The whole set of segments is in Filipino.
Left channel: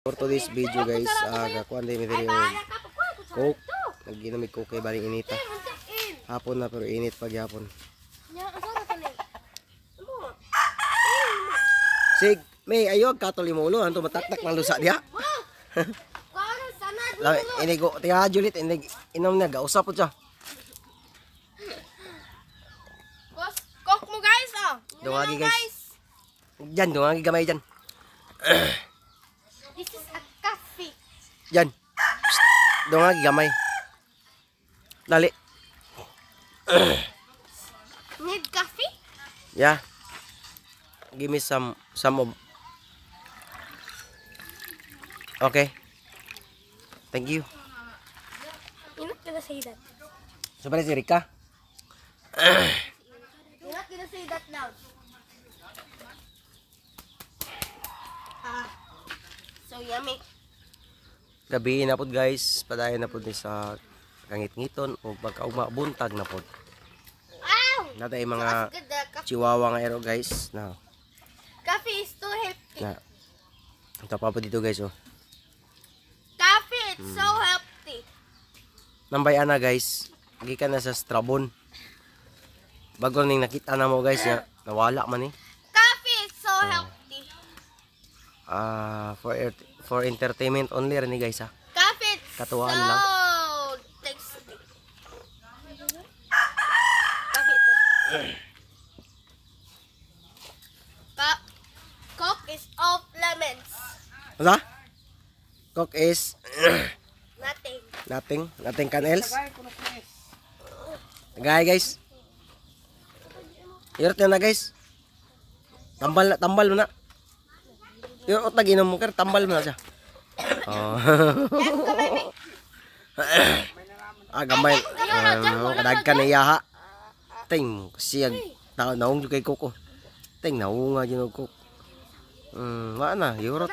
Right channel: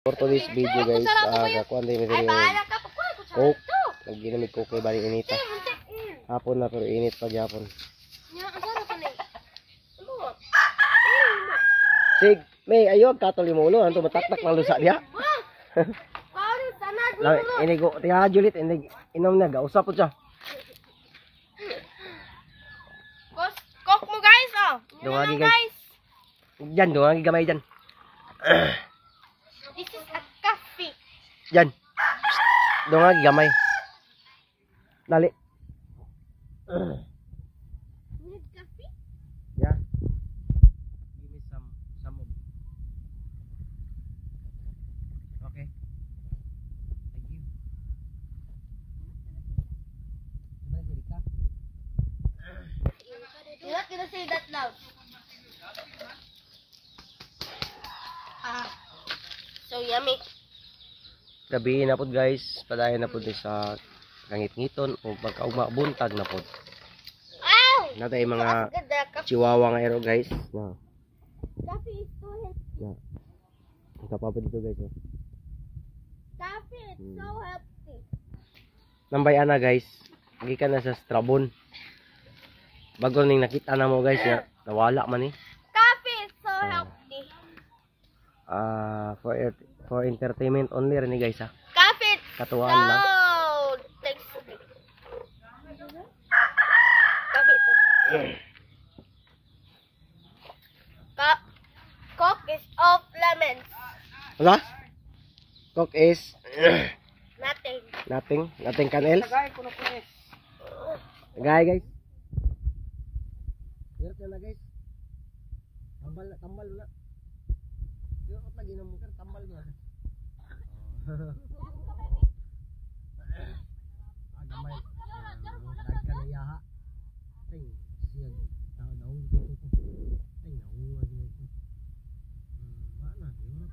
For today's video guys, kakuan din medyo coke. Nagginamig coke kay baling inita. Hapon na pero init pag hapon. Sig, may ayog katol mo ulo, anto mataktak lang lusa diha. Lawi, inigo, tiha Juliet, inom na gausap po siya. Coke mo guys, oh. Dungagi guys. Diyan, dungagi gamay diyan. This is a coffee. Diyan. Dungagi gamay. Dali. Need coffee? Yeah. Give me some of. Okay. Thank you. You're not gonna say that. Sabay si Rika. You're not gonna say that now. So yummy. Gabi na pod guys, padayon na pod ni sa kangit-ngiton o pagkaugma buntag na pod. Wow! Natay mga Good, the coffee. chihuahua nga ero guys. No. Coffee is too healthy. Na. Ito pa po dito guys oh. Coffee is so healthy. Nambay ana guys. Gikan na sa Strabon. Bago ning nakita na mo guys ya, nawala man eh. Coffee is so healthy. For entertainment only rin guys ha. Coffee is Katuwaan so lang. tasty. Coffee is Coke is of lemons. Wala? Coke is Nothing. nothing can else. Tagay guys. Hirot na guys. Tambal mo na. Hirot na ginom mo kar tambal mo na siya. Oh. Gamay. Kadagkan na iya ha. Ting siyag tao naong kay Koko. Ting naunga jud og Koko. Wa na, hirot.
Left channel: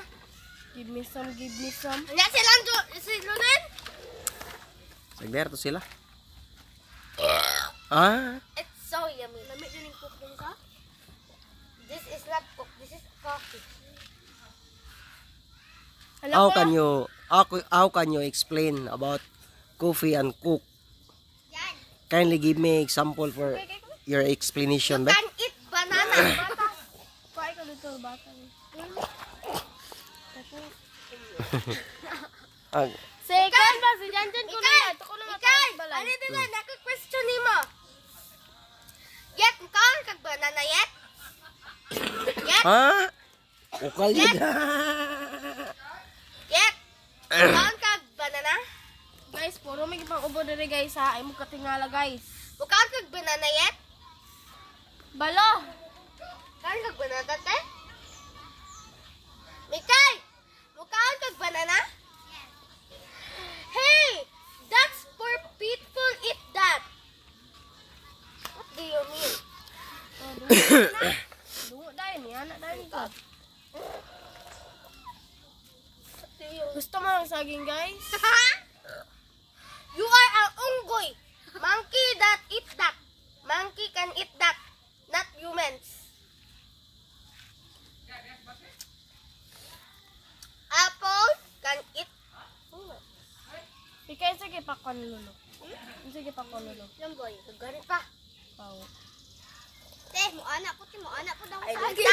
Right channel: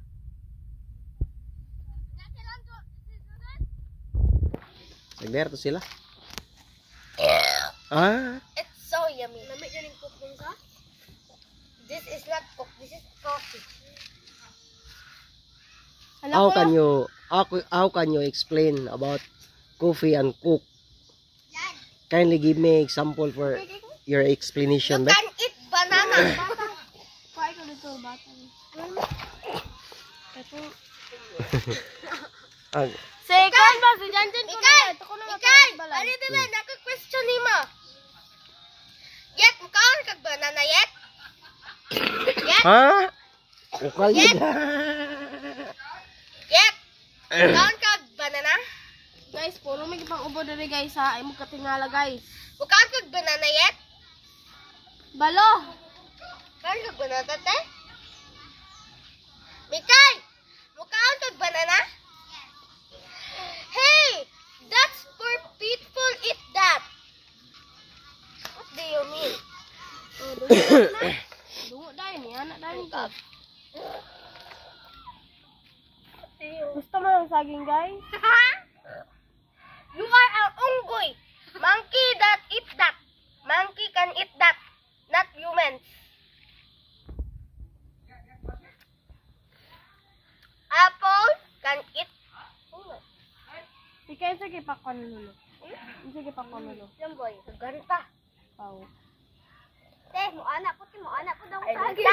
Give me some. Nya silang silunin. Nagder to sila. It's so yummy. Lami din yung coke dun ka? This is not coke, this is coffee. How can you explain about coffee and coke? Kindly give me example for your explanation. You can eat banana. Bata. Kuha ko dito, bata. Second ba? Si Janjan ko na. Ikay! Ano dito? Naka-question ni mo. Yet, mukhaan kag banana yet? Yet? Ha? Ukal yun. Yet? Mukhaan kag banana? Guys, puro may pang ubo dere guys ha. Ay mo katingala guys. Mukhaan kag banana yet? Balo! Mukhaan kag banana te? Mikay! Mukhaan kag banana? Hey! That's for people eat that! What do you mean? Oh, dungo dahil niya. Anak dahil ka. Gusto mo ng saging guys? You are an unggoy! Monkey that eat that! Monkey can eat that! Not humans! Apple can eat. Ikaw sige pa kon lolo. Sige pa kon lolo. Yan boy, gani pa. Oh. Mo anak po daw sa akin.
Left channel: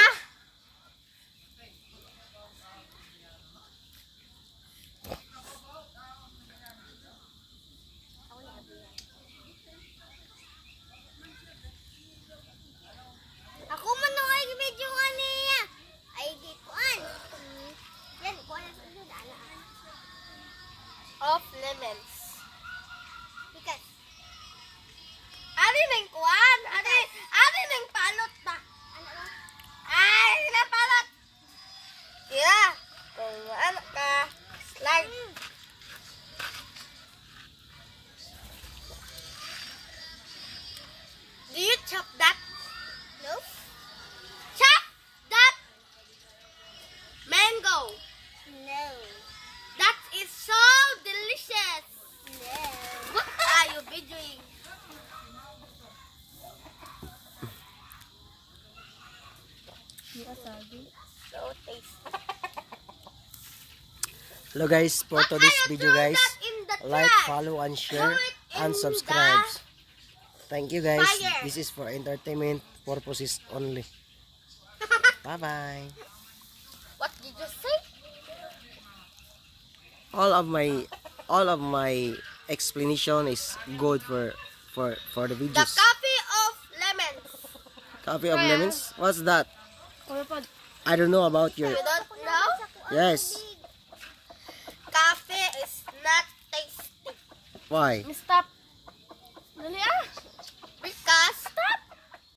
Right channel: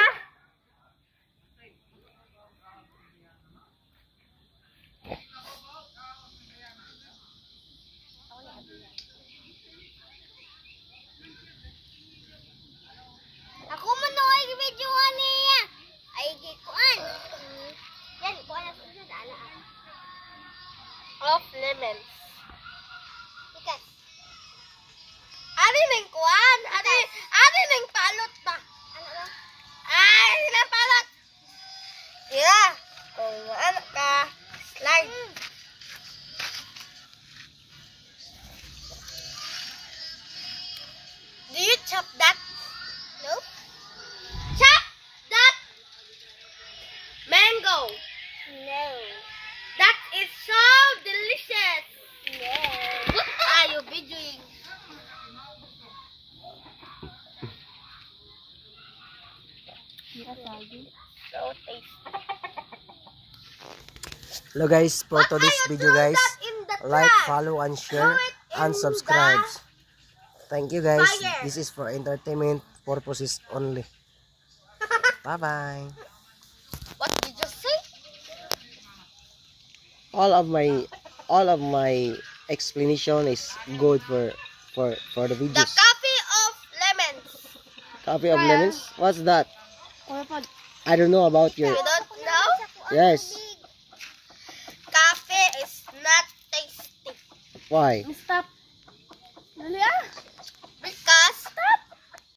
Ako man no ay video niya. Ay gikuan. Yan ko na sa dala. Of lemons. Because ari nang kuan, ari nang palot ba? Ay, nang palot. Yeah. Kung ano ka, slide. Do you chop that? No. Chop that mango. No. That is so delicious. No. What are you videoing? So tasty. Hello guys, for today's video guys, In the like, trash. follow, and share, and in subscribe. Thank you guys. fire. This is for entertainment purposes only. Bye bye. What did you say? All of my explanation is good for the The videos. coffee of lemons. Coffee of lemons? What's that? I don't know about your. You don't know? Yes. Coffee is not tasty. Why? Stop. Dali ah.